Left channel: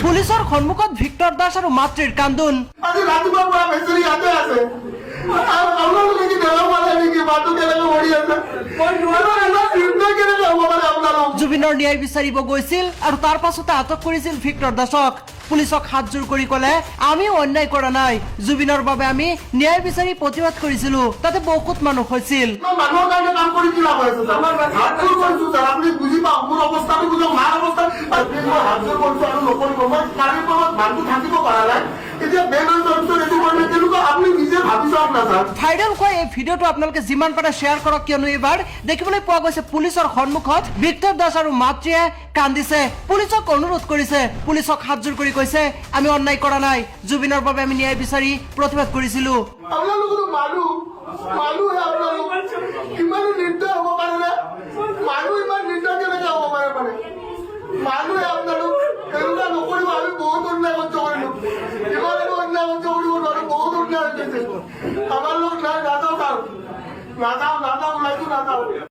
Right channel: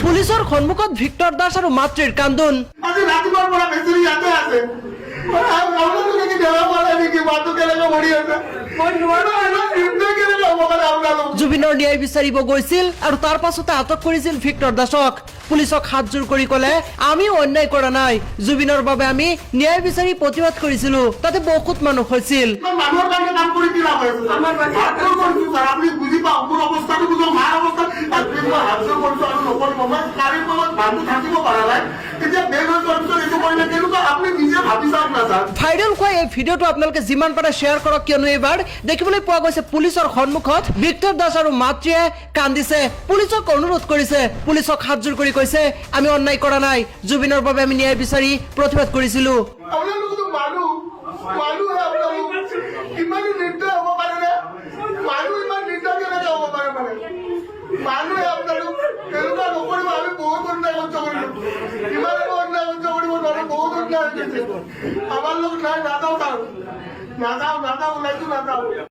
পুলিচৰ সন্মুখত ভিক্টৰ দাস আৰু মাতৃৰ কান্দোন। আজি ৰাতিপুৱাৰ পৰা বেচেৰি ইয়াতে আছে। আপোনালোকে কি ধৰা পালে নেকি? মাতটো কেনেকৈ মৰি আছে? মই কেনেকৈ হ'ব পাৰে আপোনালোক? জুবিনৰ ন্যায় বিচাৰিব গৈছিল আৰু তাৰ পাছতে আটক কৰিছিল ভিক্টৰ দাসক। পুলিচক হাতজোৰ কৰি ক'লে, আমিও অন্যায় কৰা নাই, জুবিনৰ বাবে আমি ন্যায় বিচাৰি প্ৰতিবাদ কৰিছিলো, তাতে বহুত মানুহ হৈছিল। মানুহৰ কাৰণে কাম কৰি কি লাভ হৈছে? হাতজোৰ কৰিছো ছাৰ, আপুনি বুজি পাওক মোৰ অৱস্থাটো বুজক, মাৰ অৱস্থা। মই হাতজোৰ কৰিছো আৰু নকৰিব, মই গাড়ীৰ তলত মানুহ থাকিব পৰা নাই। এতিয়া বেগ হৈ যোৱাৰ পিছত এইটো কৰিলে কেনেকুৱা আপুনি নিজে ভাবি চাওক না ছাৰ। ভাইৰেল হোৱা এই ভিডিঅ'টো আপোনালোকে যিমান পাৰে শ্বেয়াৰ কৰক, কিয়নো এইবাৰ দেখিবলৈ পোৱা গৈছে পুলিচৰ সন্মুখত ভিক্টৰ দাস আৰু মাতৃয়ে কান্দিছে, পুলিচক অনুৰোধ কৰিছে, পুলিচক হাতজোৰ কৰি কৈছে, আমি অন্যায় কৰা নাই, জুবিনৰ বাবে আমি ন্যায় বিচাৰি প্ৰতিবাদ কৰিছিলো। আপোনালোকতো মানুহে আপোনালোক ইমানো নিৰ্দয় হ'ব পাৰে নে? মানুহ ইমান নিৰ্দয় কেনেকে হ'ব পাৰে মানে? মানুহে আপোনালোক এনেকুৱা নকৰিব, আমি বহুত অন্যায় সহ্য কৰিলো, ইমান অন্যায় সহ্য কৰিব নোৱাৰো, বহুত অন্যায় হৈ গৈছে। আমাৰ লোক নাই, নাযাওঁ ছাৰ, নাযাওঁ ওলাইছো নাযাওঁ।